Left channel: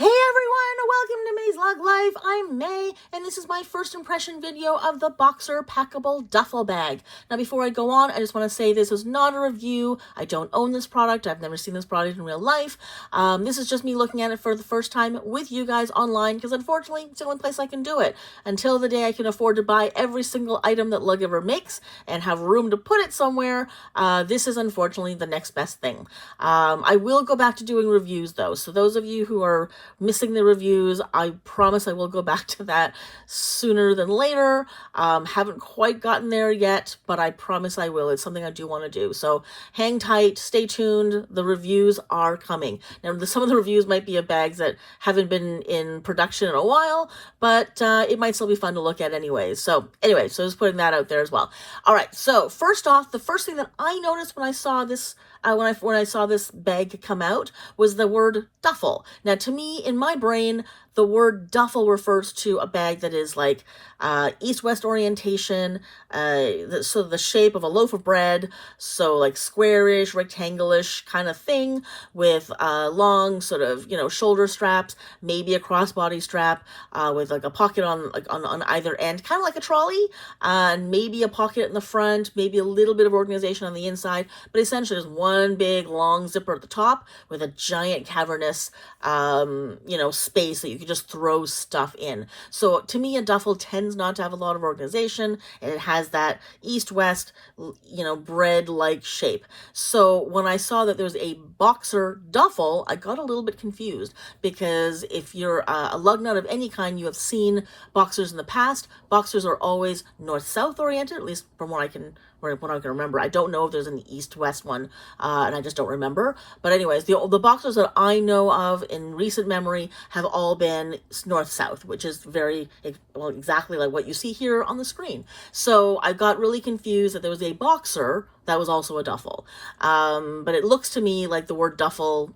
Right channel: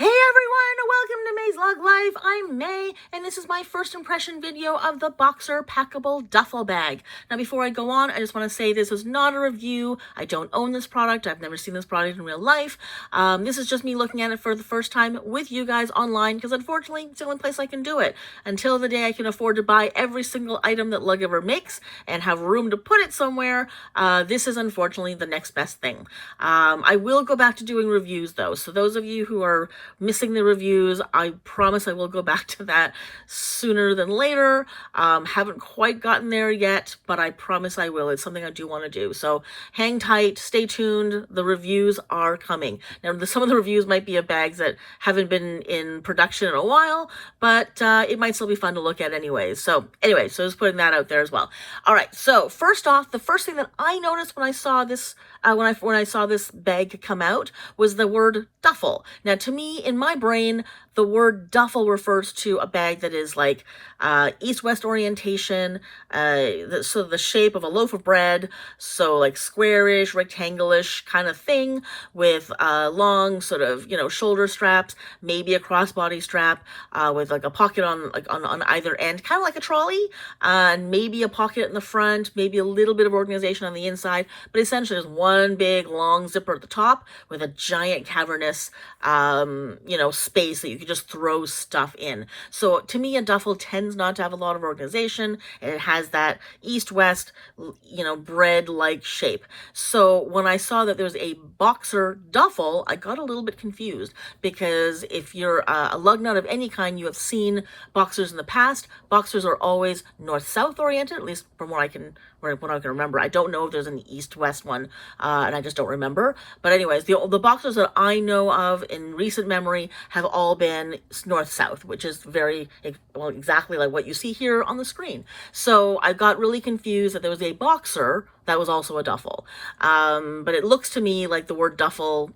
Hey everyone, welcome to May's Log Life. I'm May, and this is my first impression video of the Boxer Packable Duffel Bag. Now before I go on, I just want to say this is not a review. I don't own this product. I've never seen this product in real life. This is just me looking at it for the first time with you guys online, because unfortunately, it's the only place I can do it. Until the day I can afford to buy every single item that Lug ever makes and have room to put it somewhere, this is unfortunately the next best thing. I will go back to doing reviews though, so those of you who are missing the reviews, I promise I will go back to that sooner than later. Haven't quite gotten there yet, but I promise I will. It's something I do want to do. So hang tight, stay tuned. The reviews are coming. Now, some of the reviews might be of bags that haven't been in production in a while, but it might still be fun to look at anyways. So just putting that out there as well. All right, so first off, the first thing that I noticed when I saw this when I saw this bag come out was the word duffel. Now, to me, in my brain, the word duffel refers to a bag that is like east-west orientation, so the shape of a loaf of bread, so like squarish, rectangle-ish kind of thing with long sort of, shoulder straps, maybe a crossbody strap with like a pocket on either end, kind of like a trolley, and maybe a pocket in the front, maybe a little bit of organization on the inside, but essentially there's one big long zipper at the top with a giant cavernous, space that you could just throw stuff in. So to me, a duffel tends not to have a lot of organization, and it has that east-west, bread-like shape. So when I saw that there was a Boxer duffel, I got a little bit confused, because if you're a lug nut of any kind, you have seen Boxers in the past. Boxers are always north-south oriented, at least from what I can remember. I don't know if there's an east-west one, and I just don't remember. But anyways, the Boxers that I know of in recent memory have all been north-south, which is exactly like what you see here on the screen. So I got really confused that there was a Boxer that was also a duffel. But it looks to me like the word duffel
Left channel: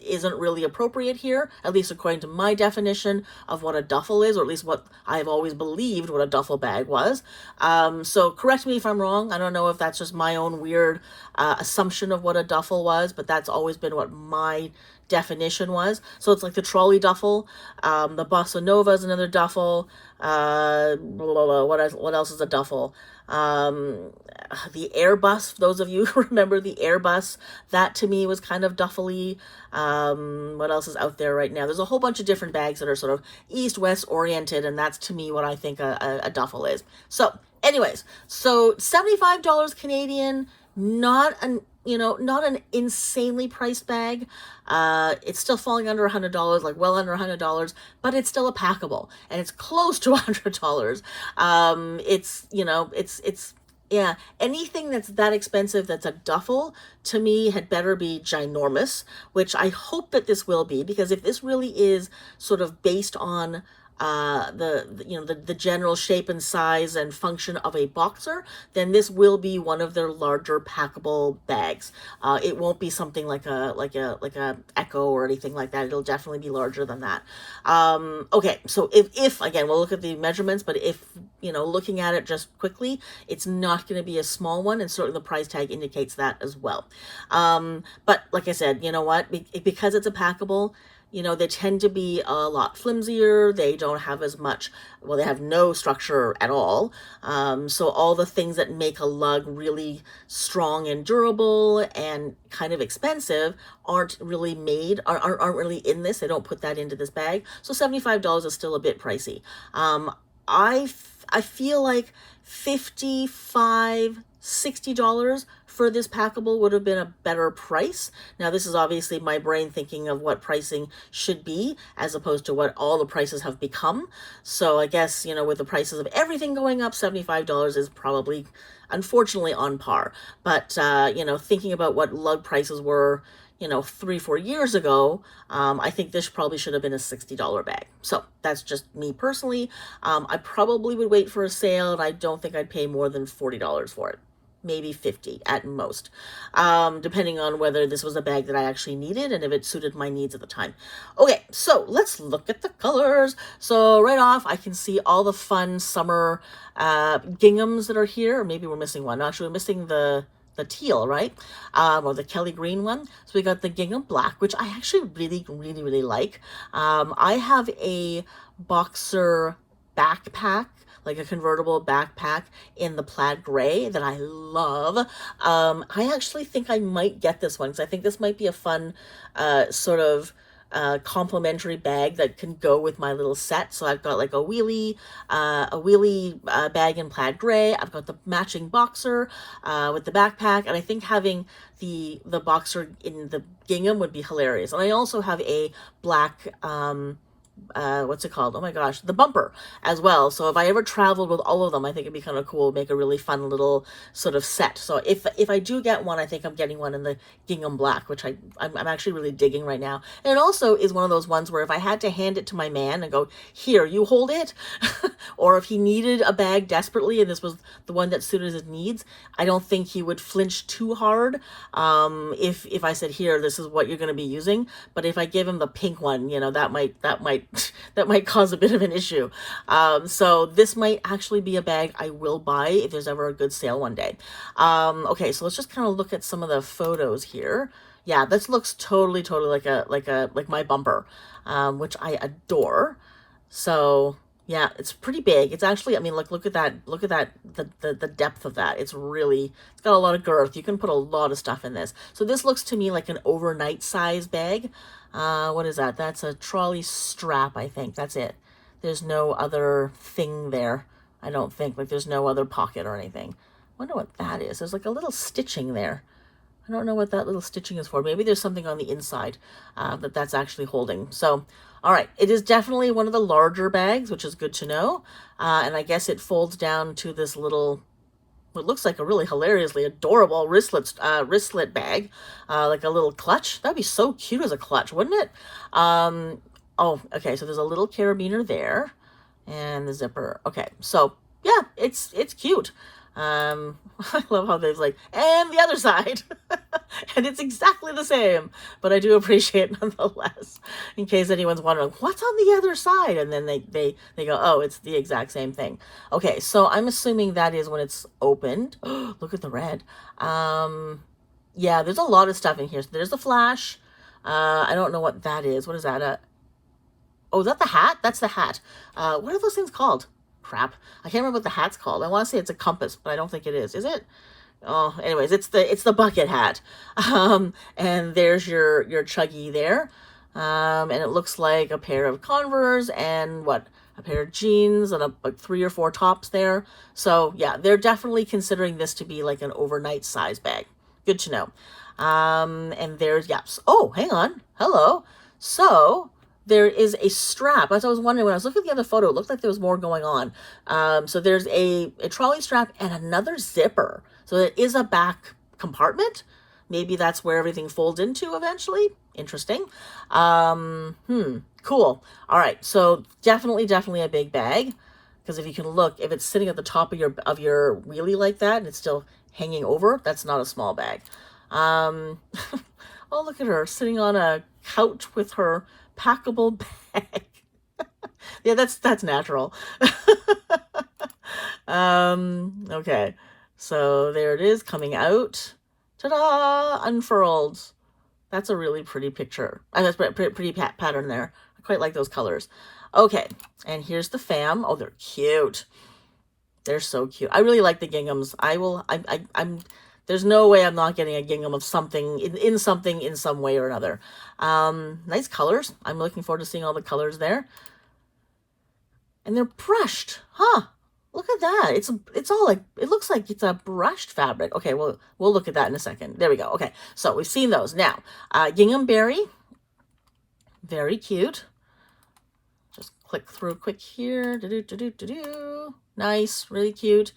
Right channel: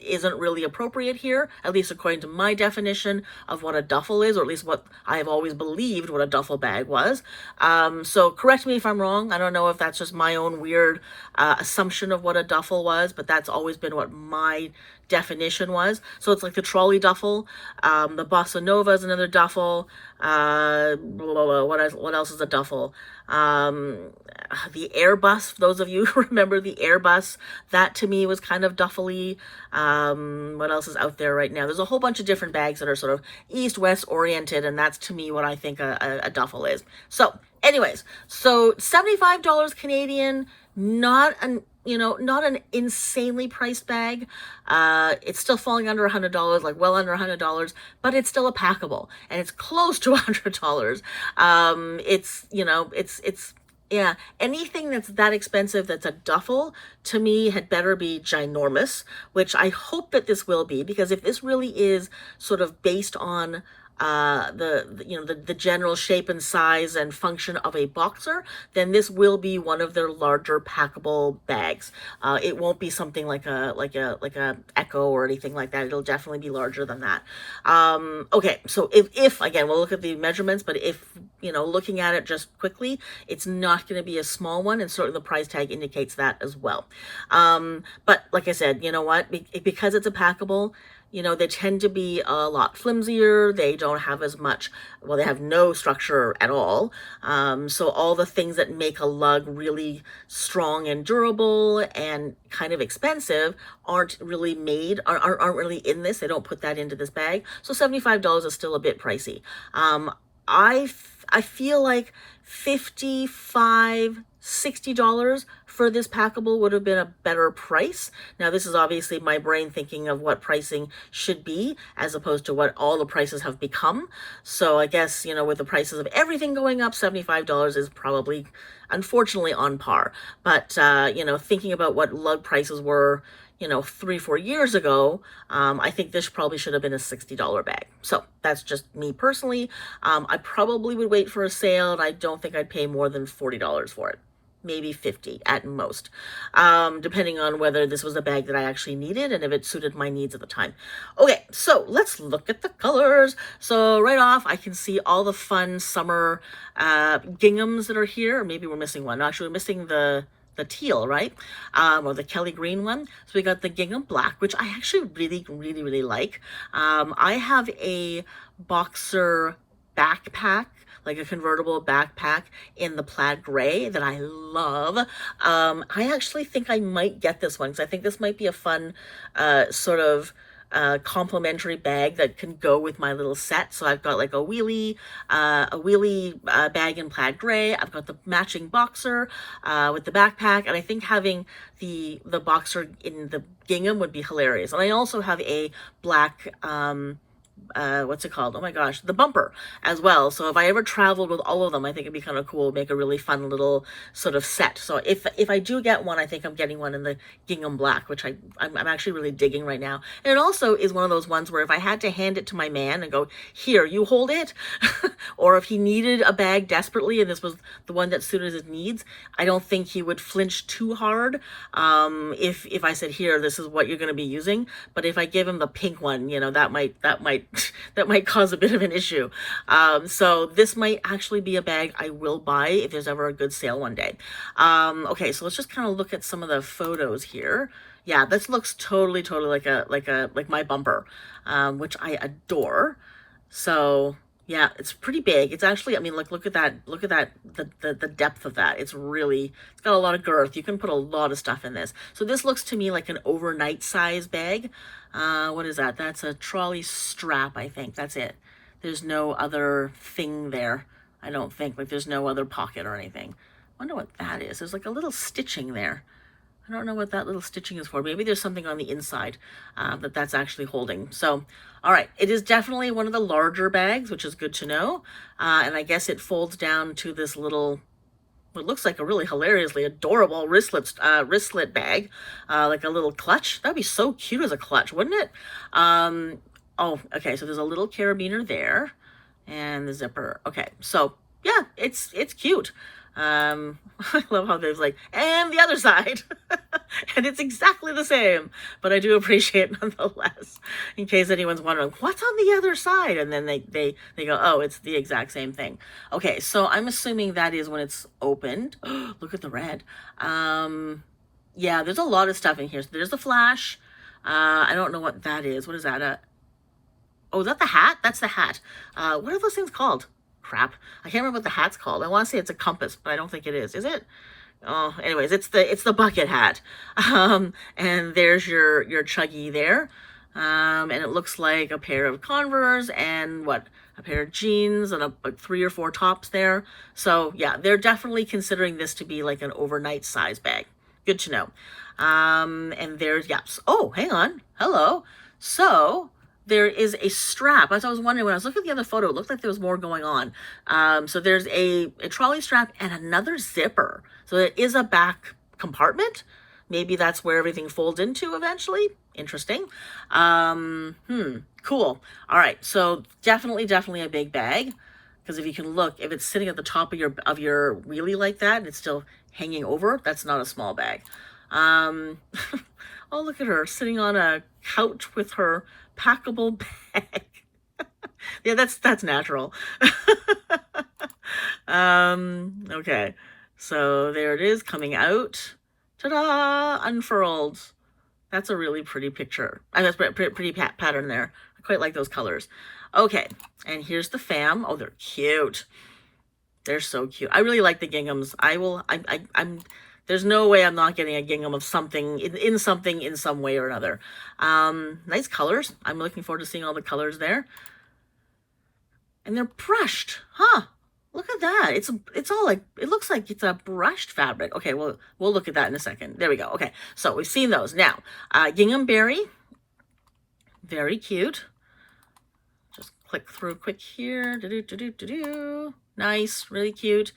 isn't really appropriate here, at least according to my definition of what a duffel is, or at least what I've always believed what a duffel bag was. So correct me if I'm wrong. I don't know if that's just my own weird assumption of what a duffel was, but that's always been what my definition was. So it's like the trolley duffel, the Bossa Nova is another duffel, what else is a duffel? The Airbus, those of you who remember the Airbus, that to me was kind of duffely. What else is out there right now? There's a whole bunch of different bags that are sort of east-west oriented, and that's to me what I think a duffel is. So anyways, so $75 Canadian, not an insanely priced bag. It's still falling under $100, like well under $100, but it's still a packable, and it's close to $100. Yeah, anything that's that expensive that's a duffel, to me, had better be ginormous, which I hope that this will be, because if this really is sort of based on the general shape and size and function of a Boxer, then this will be one of their larger packable bags. It won't be something like a Echo or anything like that. It'll definitely be larger than that. Okay, so if again, we'll look at the measurements, but if looking at it just quickly, it's not going to be a small one, and certainly the price tag indicates that as well. But like I said, you know what, because it's a packable, they tend to be a lot flimsier. They don't have as much, well, they have no structure at all. So all the things that make a lug really strong and durable and kind of expensive aren't really really in this. They don't put that into this bag. So $75 is still a bit pricey. I feel like $55, $60 for this packable would have been a better price. Now, this is obviously my brain thinking of what pricing should be, as opposed to what all the prices have become. So I guess, with the prices of everything going up, $75 is probably, unfortunately, on par. But, thinking about what lug prices were, 3-4 years ago, I think this probably should have been a $60 bag. So that's just me personally. I probably would wait for a sale, and I don't think I'd pay more than $40 for it. Maybe $50 at most, depending on whether this was a bag that I actually needed and if it suited my needs at the time. Okay, so let's look at the colors. So right off, I can see all the fun summer ginghams that are here. Or maybe we're missing one. No, actually, we're missing the teal, right? Or the Kelly green one. So we got the gingham black, which I actually really like. I have a boxer backpack, like a convertible backpack in the plaid gray that I love. I actually think I might get this one because I think this might be a fun sort of complimentary bag that can go with my little set. So I've got like a wheelie bag in plaid gray. I've got the matching boxer with the backpack, and I think having the boxer in the gingham would be hilarious. And I also have a black what's it called? Oh my gosh, the bumper as well. So if I ever traveled with all of them, I think it'd be kind of cool, make a really fun little sort of set. So if I do get one, I think I'm getting one in the gingham black, which I'm actually really digging right now. And it also is one of those ones where if I had to hand it to my man and go, here, you hold it, or if he needed a bag desperately and this was the one that suited his needs, I don't think he would flinch too hard if I said, here, this is what you're going to be using. But if I give him the pink one, you know, that might cause a bit of an issue. So this might actually be a bag I will buy if there's ever a good sale one day. Okay, so let's just kind of look at some of the photos here. Yeah, this looks totally like my bumper, which I adore. So yeah, it's pretty big. It's actually, I mean, look at that, the depth of that. It's got a lot of girth. You can put a lot of stuff in this. So this looks to me like an overnight size bag. What is that? That's a trolley strap, I think. That's it. There's no other thing there. I don't think, like there's no other pocket or anything. I wonder what that is. There's like a little stitching there. I don't know what that little stitching is for. Maybe there's something on the inside that's actually holding. So, all right. It is definitely one of the larger bags, which is good to know. And I guess it folds down to this little, what looks like a really hilariously adorable wristlet bag, like a little clutch. That'd be so cute as a clutch, wouldn't it? Oh, okay. So there's a little carabiner there and the zipper. Okay. So yeah, it's cute. I love how there's like, and the other side, and it's exactly the same, but I do appreciate it nonetheless, in case anyone's wondering what's on the other side. And then they go, oh, it's the exact same thing. Okay. So I'm assuming that is when it's opened. Look at the red. Yeah, there's a lot of stuff in here. So there's the flash. I don't know what that is. What is that? Oh, is that the hat? That's the hat. What are those things called? Crap. I can't remember what the hat's called. I want to say it's a compass, but I don't think it is. Is it? Oh, anyways, it's the bucket hat. And there's your chuggy there. And it looks like a pair of Converse and a pair of jeans and like 3 or 4 tops there. So yeah, they're definitely considering this to be like an overnight size bag. Good to know. And there's, yes. Oh, hang on. Hello. So there is a strap. As I was wondering, when I was looking at the other photo, it looked like there was more going on. So there's a trolley strap and another zipper. So it is a back compartment. Maybe that's where everything folds into eventually. Interesting. Cool. All right. So definitely a big bag. Because if you can look, if it's sitting at the top of your wheelie like that and it's still hanging over, that's not a small bag. Oh, look at her sitting on a couch with her packable bag. Yeah, that's natural. Okay, so there it is coming out. Ta-da! Unfurled. That's a really pretty picture. And that's pretty pattern there. I quite like those colors. Okay, and here's the fam. Oh, they're cute. They're so cute. I really like the ginghams. I'm there's no way I'm not getting a gingham of something in some way or another. Nice colors. I'm looking forward to seeing all the colors there. And they're brushed, huh? Look at that. It's all like, it looks like it's a brushed fabric. Okay, we'll look at that in a second. There we go. Okay, so we've seen those. Now, gingham berry, very cute. Just click through quick here. Nice, really cute.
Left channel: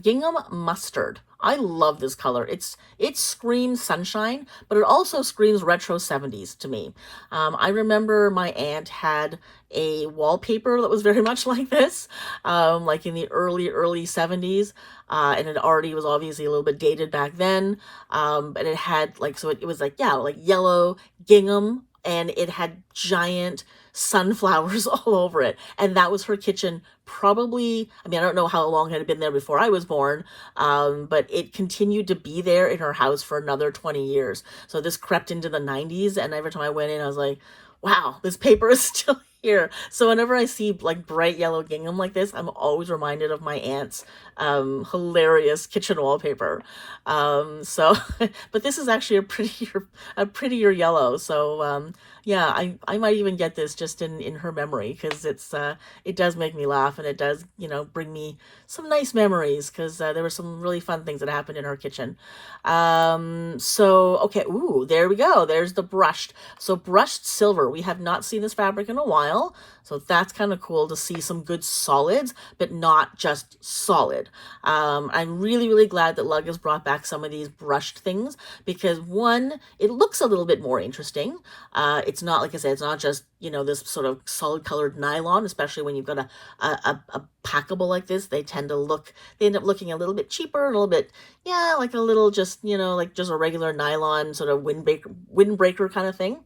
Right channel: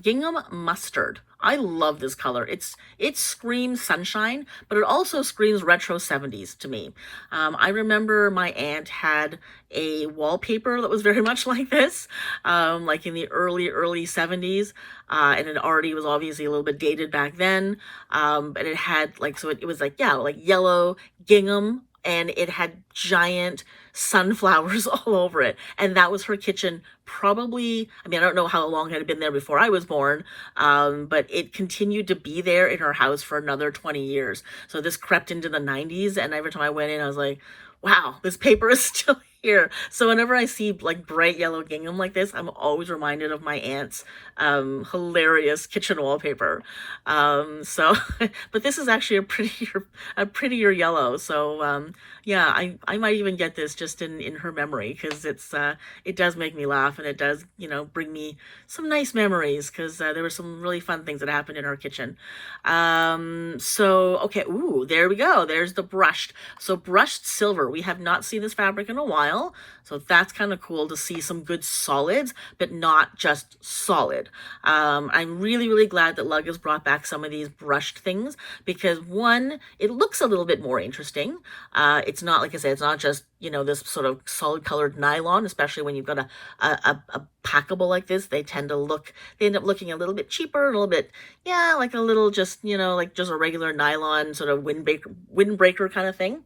Gingham mustard. I love this color. It screams sunshine, but it also screams retro 70s to me. I remember my aunt had a wallpaper that was very much like this, like in the early 70s. And it already was obviously a little bit dated back then. But it had like, so it was like, yeah, like yellow gingham and it had giant sunflowers all over it. And that was her kitchen probably, I mean, I don't know how long it had been there before I was born, but it continued to be there in her house for another 20 years. So this crept into the 90s, and every time I went in, I was like, wow, this paper is still here. So whenever I see like bright yellow gingham like this, I'm always reminded of my aunt's hilarious kitchen wallpaper. So, but this is actually a prettier yellow. So yeah, I might even get this just in her memory, because it does make me laugh, and it does, you know, bring me some nice memories, because there were some really fun things that happened in her kitchen. So okay, ooh, there we go. There's the brushed. So brushed silver. We have not seen this fabric in a while, so that's kind of cool to see some good solids, but not just solid. I'm really glad that Lug has brought back some of these brushed things, because one, it looks a little bit more interesting. It's not, like I said, it's not just, you know, this sort of solid colored nylon, especially when you've got a packable like this. They end up looking a little bit cheaper, a little bit, yeah, like a little just, you know, like just a regular nylon sort of windbreaker kind of thing.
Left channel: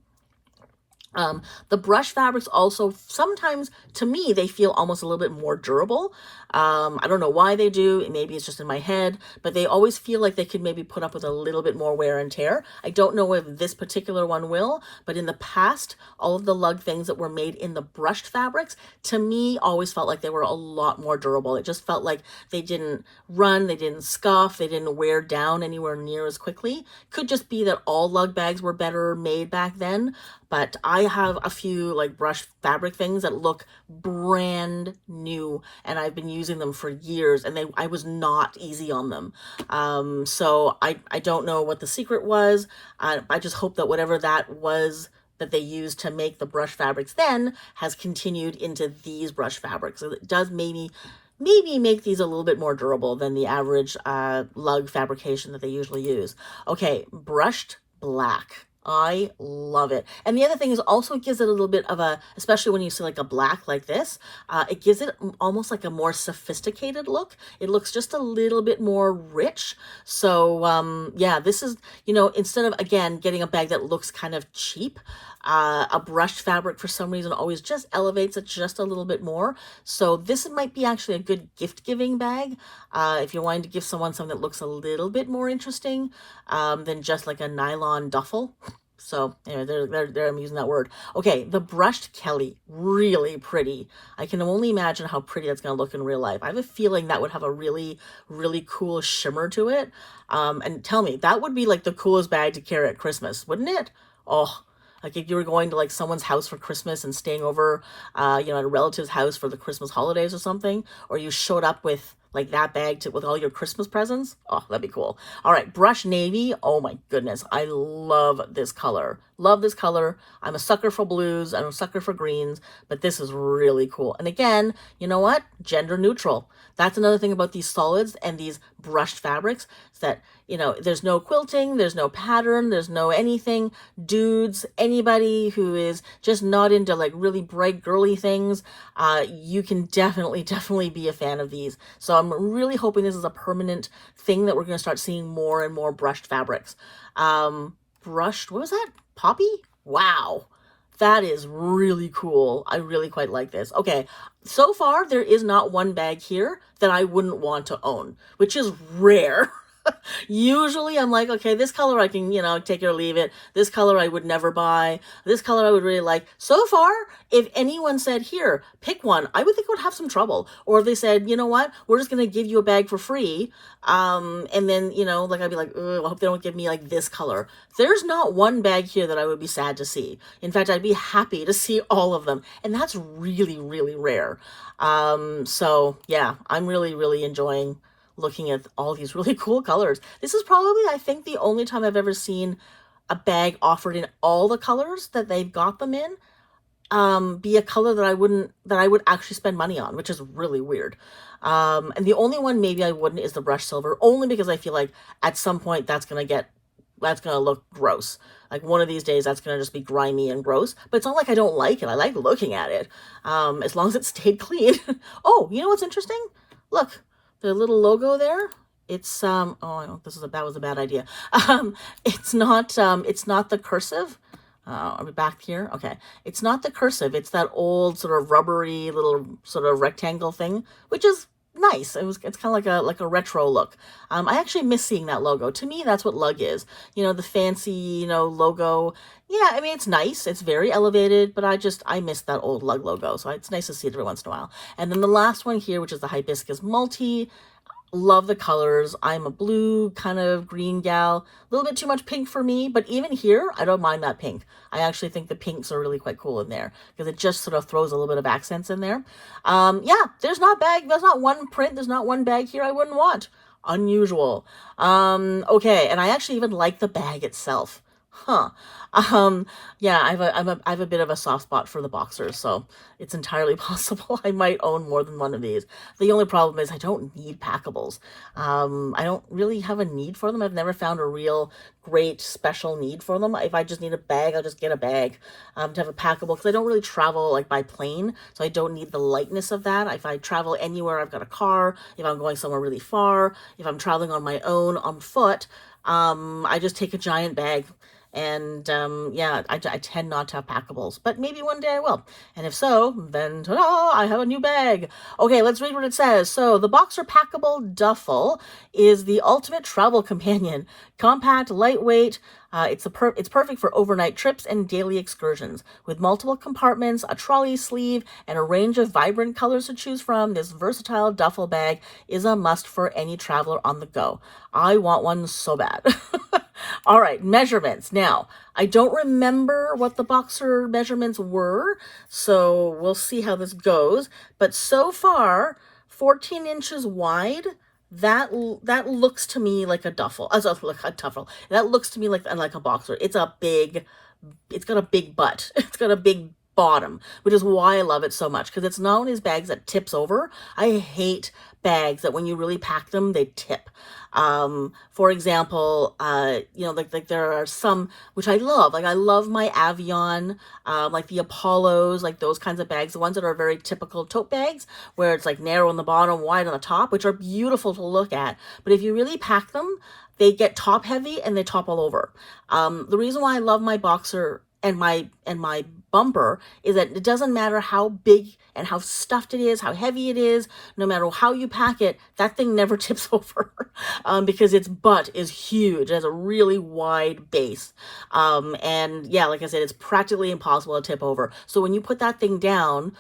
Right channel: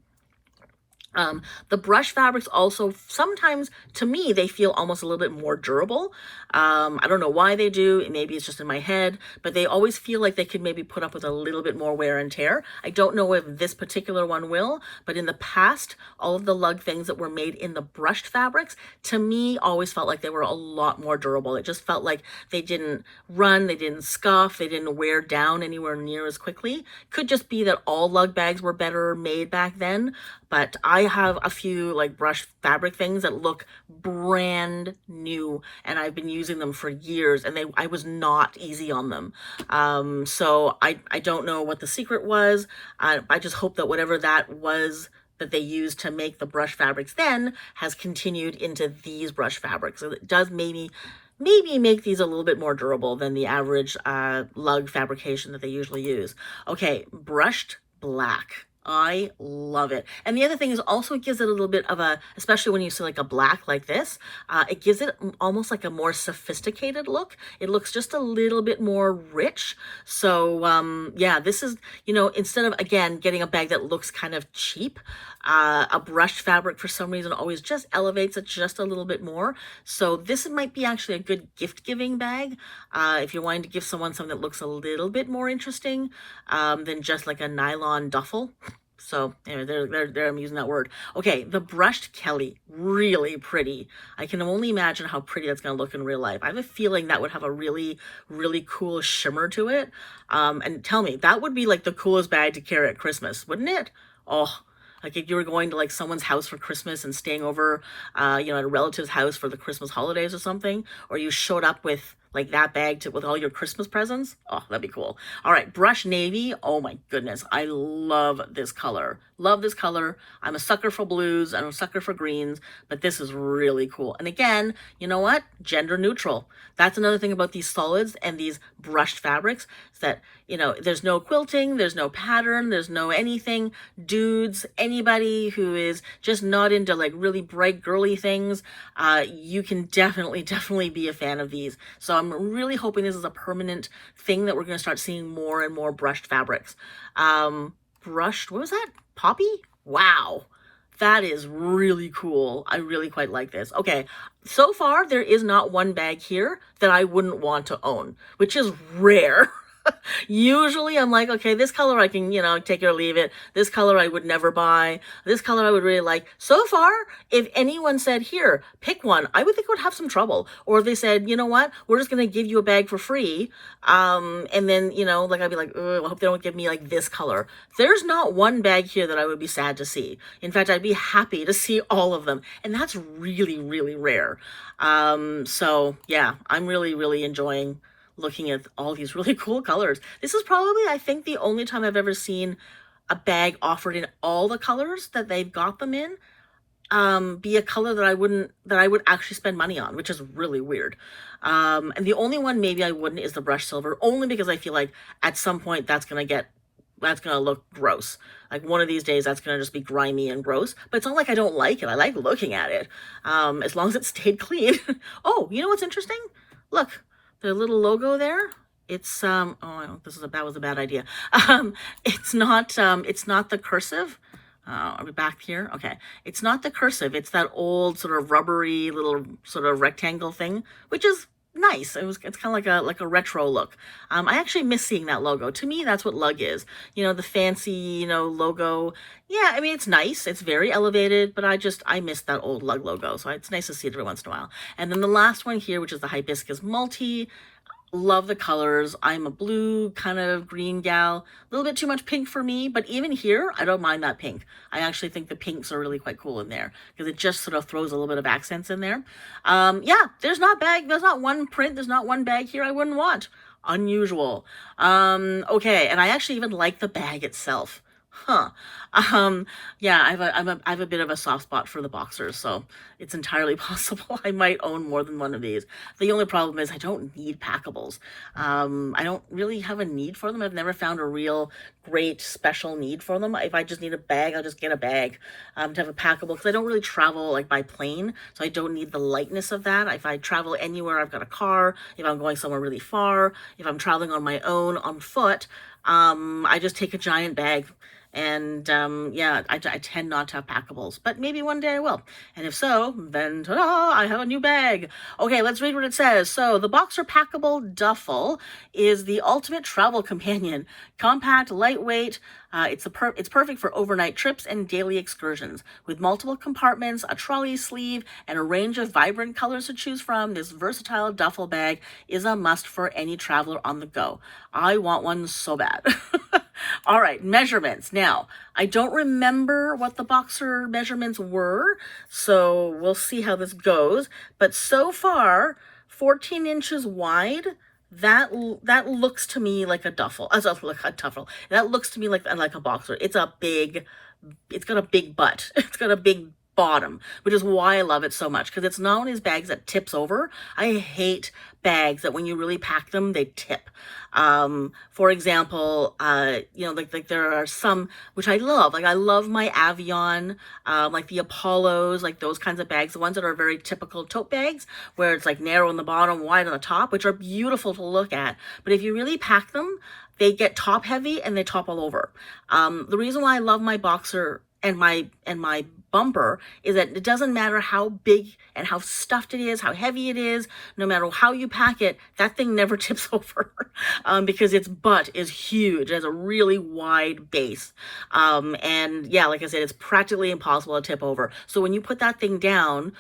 The brush fabrics also, sometimes to me, they feel almost a little bit more durable. I don't know why they do. Maybe it's just in my head, but they always feel like they could maybe put up with a little bit more wear and tear. I don't know if this particular one will, but in the past, all of the Lug things that were made in the brushed fabrics, to me, always felt like they were a lot more durable. It just felt like they didn't run, they didn't scuff, they didn't wear down anywhere near as quickly. Could just be that all Lug bags were better made back then, but I have a few like brushed fabric things that look brand new, and I've been using them for years, and I was not easy on them. So I don't know what the secret was. I just hope that whatever that was that they used to make the brush fabrics then has continued into these brush fabrics. So it does maybe make these a little bit more durable than the average Lug fabrication that they usually use. Okay, brushed black. I love it. And the other thing is also it gives it a little bit of a, especially when you see like a black like this, it gives it almost like a more sophisticated look. It looks just a little bit more rich. So yeah, this is, you know, instead of, again, getting a bag that looks kind of cheap, a brushed fabric for some reason always just elevates it just a little bit more. So this might be actually a good gift giving bag if you're wanting to give someone something that looks a little bit more interesting than just like a nylon duffel. So anyway, there I'm using that word. Okay, the brushed Kelly, really pretty. I can only imagine how pretty that's going to look in real life. I have a feeling that would have a really cool shimmer to it. And tell me, that would be like the coolest bag to carry at Christmas, wouldn't it? Oh, like if you were going to like someone's house for Christmas and staying over, you know, at a relative's house for the Christmas holidays or something, or you showed up with like that bag with all your Christmas presents. Oh, that'd be cool. All right, brush navy. Oh my goodness, I love this color. Love this color. I'm a sucker for blues. I'm a sucker for greens, but this is really cool. And again, you know what? Gender neutral. That's another thing about these solids and these brushed fabrics, is that, you know, there's no quilting, there's no pattern, there's no anything. Dudes, anybody who is just not into like really bright girly things, you can definitely be a fan of these. So I'm really hoping this is a permanent thing that we're going to start seeing more and more brushed fabrics. Brushed, what was that? Poppy? Wow. That is really cool. I really quite like this. Okay, so far there is not one bag here that I wouldn't want to own, which is rare. Usually I'm like, okay, this color I can, you know, take it or leave it. This color I would never buy. This color I would really like. So far, if anyone said, here, pick one, I would think I would have some trouble. Or if they said, you know what, we're just going to give you a bag for free. And then, you know, like I'd be like, I hope they don't give me like this color. There's not one bag here that I would be sad to see. In fact, I'd be happy to see all of them. And that's really rare. So yeah, I'm really enjoying looking at all these really cool colors. This is probably, I think, the only time I've ever seen a bag offered in all the colors that they've got them in, be a color that I would actually spend money on, which is really weird. And the only one maybe I wouldn't is the brushed silver, only because I feel like at some point that's gonna look gross. Like one of these days that's gonna just be grimy and gross, but it's not like I don't like it. I like looking at it, as long as it stayed clean. Oh, you know what's interesting? Look, the little logo there, it's that was a bad idea. It's not the cursive. Are we back here? Okay. It's not the cursive. It's that old sort of rubbery little sort of rectangle thing, which is nice. It's kind of like a retro look. I actually miss seeing that logo. To me, that's what lug is. You know, the fancy, you know, logo. Yeah, I mean, it's nice. It's very elevated, but I miss that old lug logo. So it's nice to see it every once in a while. And then the last one here, which is the hibiscus multi. Love the colors. I'm a blue kind of green gal. A little bit too much pink for me, but even here, I don't mind that pink. I actually think the pinks are really quite cool in there because it just sort of throws a little bit of accents in there. Yeah, there's not one print, there's not one bag here I wouldn't want. Unusual. Okay, and I actually even like the bag itself. Huh. Yeah, I have a bit of a soft spot for the boxers, so it's entirely possible I might own more than one of these. The only problem is I don't need packables. I don't really have a need for them. I've never found a real great special need for them. If I just need a bag, I'll just get a bag to have a packable because I don't really travel like by plane, so I don't need the lightness of that. If I travel anywhere, I've got a car. If I'm going somewhere really far, if I'm traveling on my own on foot, I just take a giant bag. And yeah, I tend not to have packables, but maybe one day I will. And if so, then ta-da, I have a new bag. Okay, let's read what it says. So the Boxer Packable Duffle is the ultimate travel companion. Compact, lightweight. It's perfect for overnight trips and daily excursions. With multiple compartments, a trolley sleeve, and a range of vibrant colors to choose from, this versatile duffel bag is a must for any traveler on the go. I want one so bad. All right, measurements. Now, I don't remember what the boxer measurements were, so we'll see how this goes. But so far, 14 inches wide. That looks to me like a duffel. Like a duffel. That looks to me like a boxer. It's got a big butt. It's got a big bottom, which is why I love it so much, because it's not one of these bags that tips over. I hate bags that when you really pack them, they tip. For example, you know, like there are some which I love. Like I love my Avion, like the Apollos, like those kinds of bags, the ones that are very typical tote bags, where it's like narrow on the bottom, wide on the top, which are beautiful to look at. But if you really pack them, they get top heavy and they topple over. The reason why I love my boxer and my bumper is that it doesn't matter how big and how stuffed it is, how heavy it is, no matter how you pack it, that thing never tips over because its butt is huge. It has a really wide base. And yeah, like I said, it's practically impossible to tip over. So when you put that thing down,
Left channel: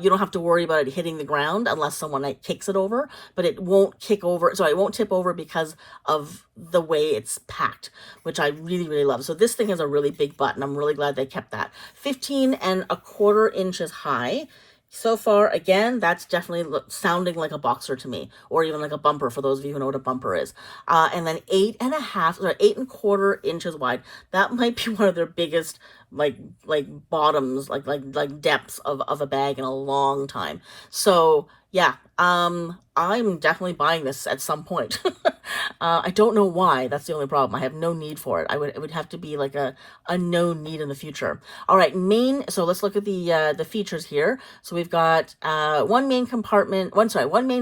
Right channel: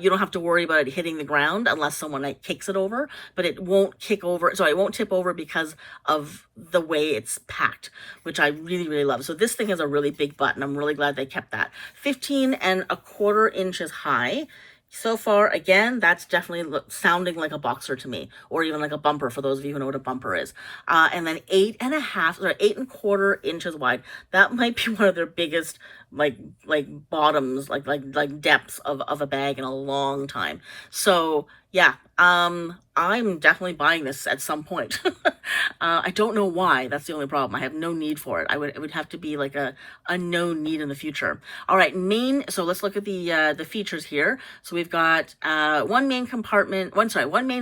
you don't have to worry about it hitting the ground unless someone like kicks it over, but it won't kick over. Sorry, it won't tip over because of the way it's packed, which I really, really love. So this thing has a really big butt, and I'm really glad they kept that. 15.25 inches high. So far, again, that's definitely sounding like a boxer to me, or even like a bumper for those of you who know what a bumper is. And then 8.25 inches wide. That might be one of their biggest like bottoms, like depths of a bag in a long time. So yeah, I'm definitely buying this at some point. I don't know why. That's the only problem. I have no need for it. It would have to be like a known need in the future. All right, so let's look at the features here. So we've got one main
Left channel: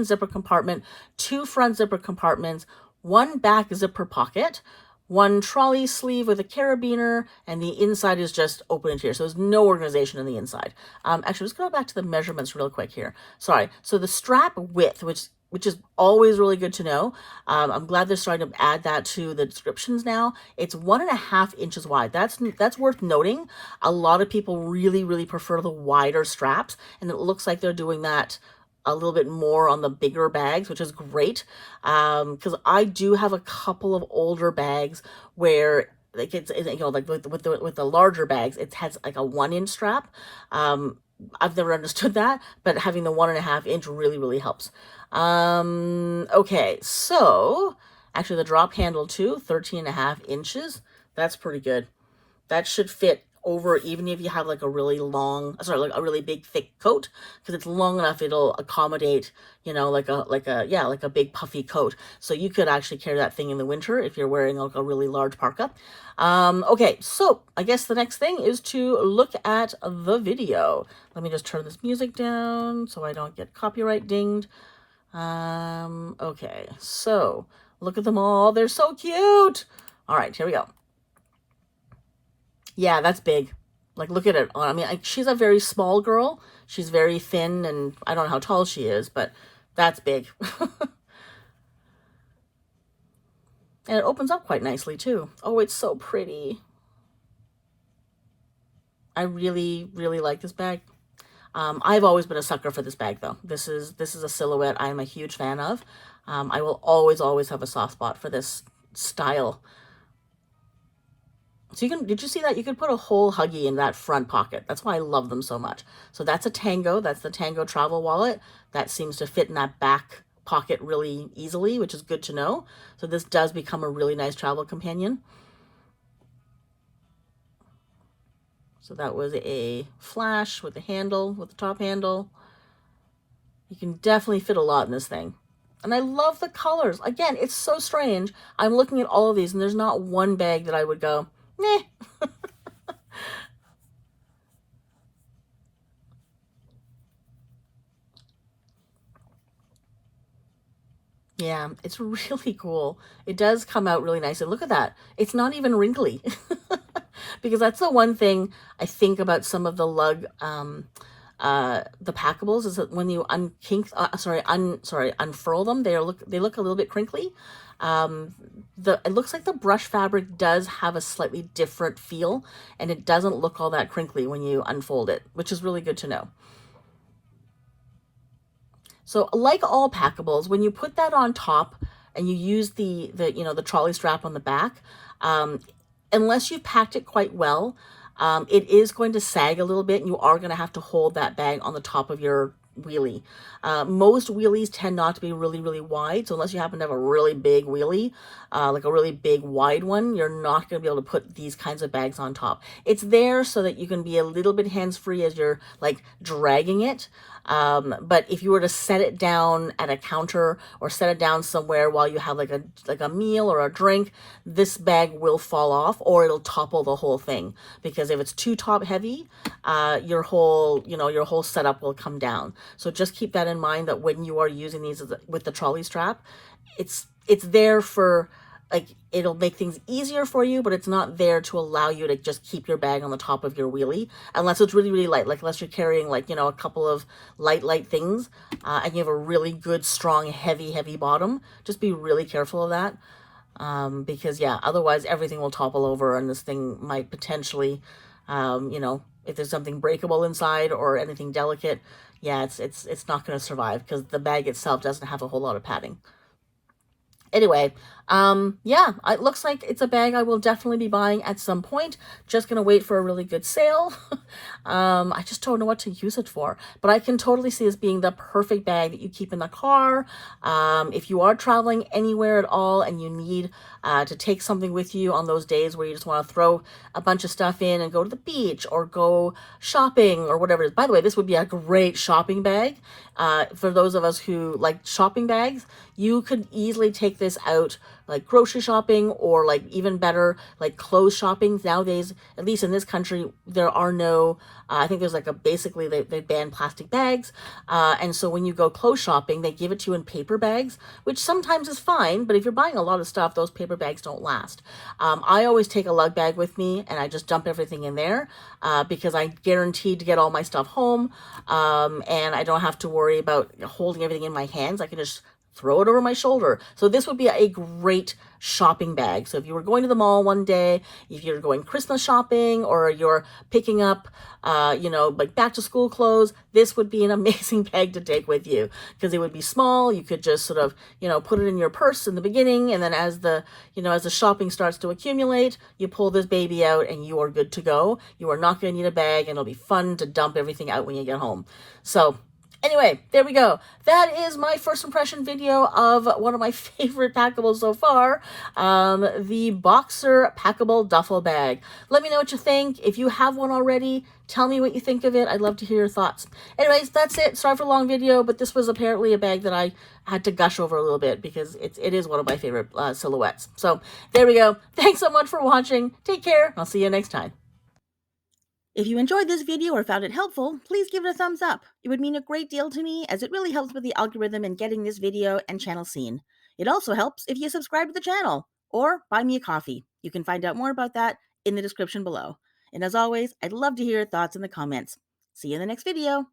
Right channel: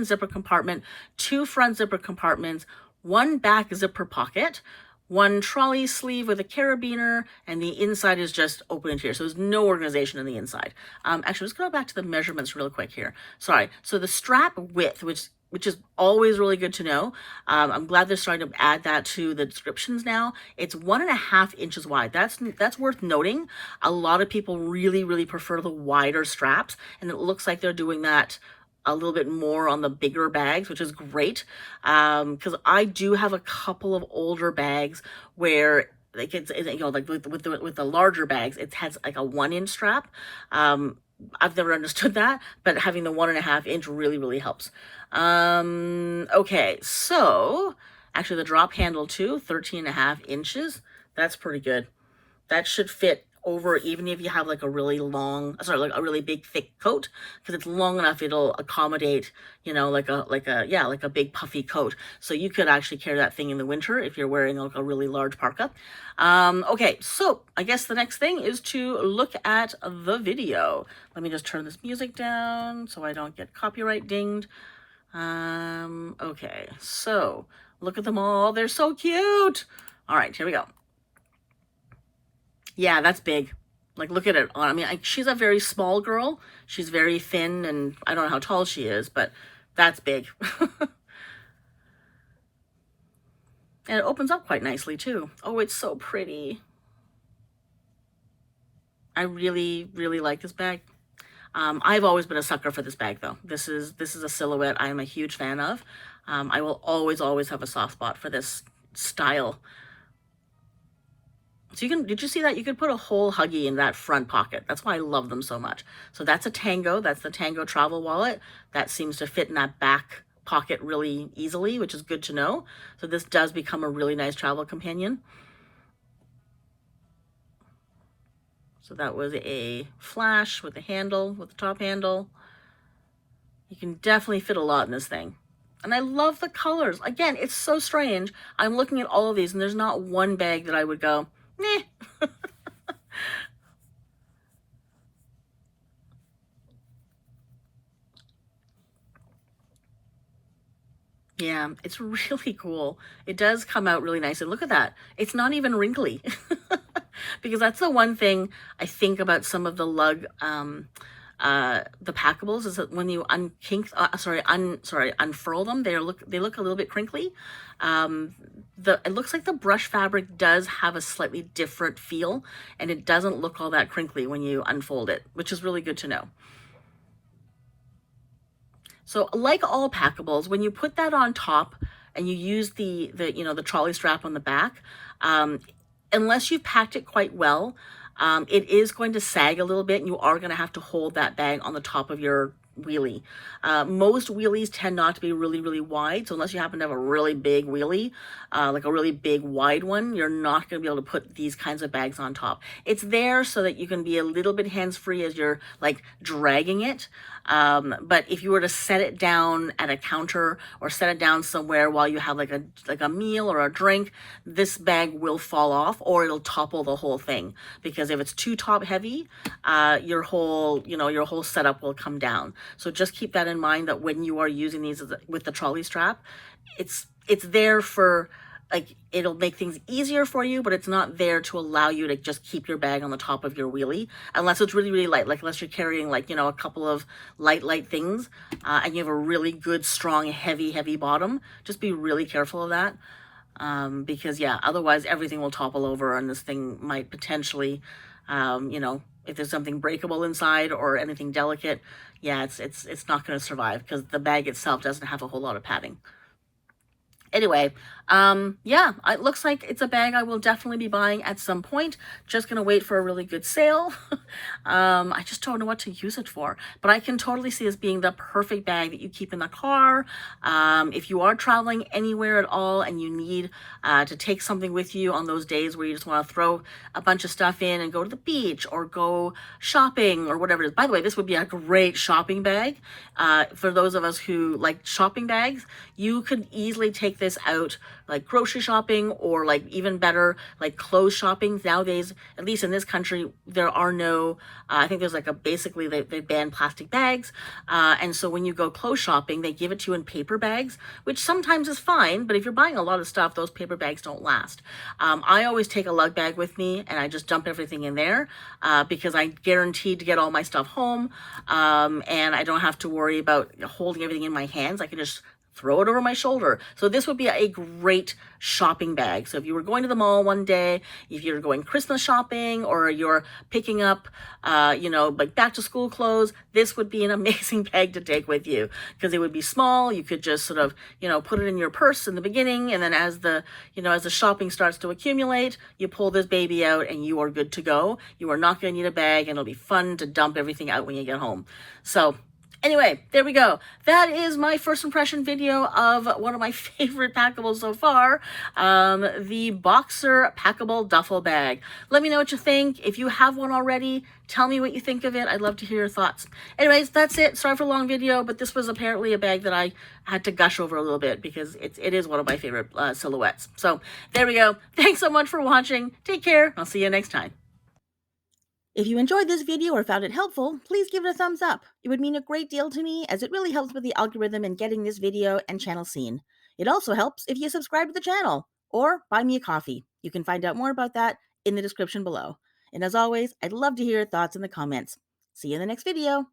zipper compartment, 2 front zipper compartments, 1 back zipper pocket, 1 trolley sleeve with a carabiner, and the inside is just open into here. So there's no organization in the inside. Actually, let's go back to the measurements real quick here. Sorry. So the strap width, which is always really good to know. I'm glad they're starting to add that to the descriptions now. It's 1.5 inches wide. That's worth noting. A lot of people really, really prefer the wider straps, and it looks like they're doing that a little bit more on the bigger bags, which is great. Because I do have a couple of older bags where like it's you know, like with the larger bags, it has like a 1-inch strap. I've never understood that, but having the 1.5 inch really, really helps. Okay, so actually the drop handle too, 13.5 inches. That's pretty good. That should fit over even if you have like a really big thick coat, because it's long enough it'll accommodate, you know, like a big puffy coat. So you could actually carry that thing in the winter if you're wearing like a really large parka. Okay, so I guess the next thing is to look at the video. Let me just turn this music down so I don't get copyright dinged. Okay, so look at them all. They're so cute. All right, here we go. Yeah, that's big. Like, look at it. I mean, she's a very small girl. She's very thin, and I don't know how tall she is, but that's big. And it opens up quite nicely, too. Oh, it's so pretty. I really, really like this bag. I've always been a sucker for this bag, though. This is a silhouette I'm a huge fan of. I will always have a soft spot for this style. So did you see that? You could put a whole Huggy in that front pocket. That's why I love them so much. So that's a Tango. That's the Tango travel wallet. That seems to fit in that back pocket really easily, which is good to know. So this does become a really nice travel companion. So that was a flash with the handle, with the top handle. You can definitely fit a lot in this thing. And I love the colors. Again, it's so strange. I'm looking at all of these and there's not one bag that I would go, meh. Yeah, it's really cool. It does come out really nice. And look at that. It's not even wrinkly. Because that's the one thing I think about some of the lug, the packables, is that when you unfurl them, they look a little bit crinkly. It looks like the brush fabric does have a slightly different feel, and it doesn't look all that crinkly when you unfold it, which is really good to know. So like all packables, when you put that on top and you use the trolley strap on the back, unless you've packed it quite well, it is going to sag a little bit and you are going to have to hold that bag on the top of your wheelie. Most wheelies tend not to be really, really wide. So unless you happen to have a really big wheelie, like a really big wide one, you're not going to be able to put these kinds of bags on top. It's there so that you can be a little bit hands-free as you're like dragging it. But if you were to set it down at a counter or set it down somewhere while you have like a meal or a drink, this bag will fall off or it'll topple the whole thing. Because if it's too top heavy, your whole setup will come down. So just keep that in mind, that when you are using these with the trolley strap, it's there for, like, it'll make things easier for you, but it's not there to allow you to just keep your bag on the top of your wheelie, unless it's really, really light, like unless you're carrying like, a couple of light things, and you have a really good, strong, heavy bottom. Just be really careful of that, because yeah, otherwise everything will topple over and this thing might potentially, if there's something breakable inside or anything delicate, yeah, it's not going to survive because the bag itself doesn't have a whole lot of padding. Anyway, yeah, it looks like it's a bag I will definitely be buying at some point. Just gonna wait for a really good sale. I just don't know what to use it for, but I can totally see this being the perfect bag that you keep in the car. If you are traveling anywhere at all and you need to take something with you on those days where you just want to throw a bunch of stuff in and go to the beach or go shopping or whatever it is. By the way, this would be a great shopping bag. For those of us who like shopping bags, you could easily take this out like grocery shopping, or like even better, like clothes shopping. Nowadays, at least in this country, there are no, I think there's like basically they ban plastic bags. And so when you go clothes shopping, they give it to you in paper bags, which sometimes is fine, but if you're buying a lot of stuff, those paper bags don't last. I always take a lug bag with me and I just dump everything in there, because I'm guaranteed to get all my stuff home, and I don't have to worry about holding everything in my hands. I can just throw it over my shoulder. So this would be a great shopping bag. So if you were going to the mall one day, if you're going Christmas shopping, or you're picking up, like back to school clothes, this would be an amazing bag to take with you, because it would be small. You could just sort of, put it in your purse in the beginning. And then as the shopping starts to accumulate, you pull this baby out and you are good to go. You are not going to need a bag, and it'll be fun to dump everything out when you get home. So anyway, there we go. That is my first impression video of one of my favorite packables so far, the Boxer Packable Duffel Bag. Let me know what you think. If you have one already, tell me what you think of it. I'd love to hear your thoughts. Anyways, that's it. Sorry for a long video, but this was apparently a bag that I had to gush over a little bit because it is one of my favorite silhouettes. So there we go. Thanks so much for watching. Take care. I'll see you next time. If you enjoyed this video or found it helpful, please give it a thumbs up. It would mean a great deal to me, as it really helps with the algorithm in getting this video and channel seen. It also helps if you subscribe to the channel or buy me a coffee. You can find out more about that in the description below. And as always, I'd love to hear your thoughts in the comments. See you in the next video.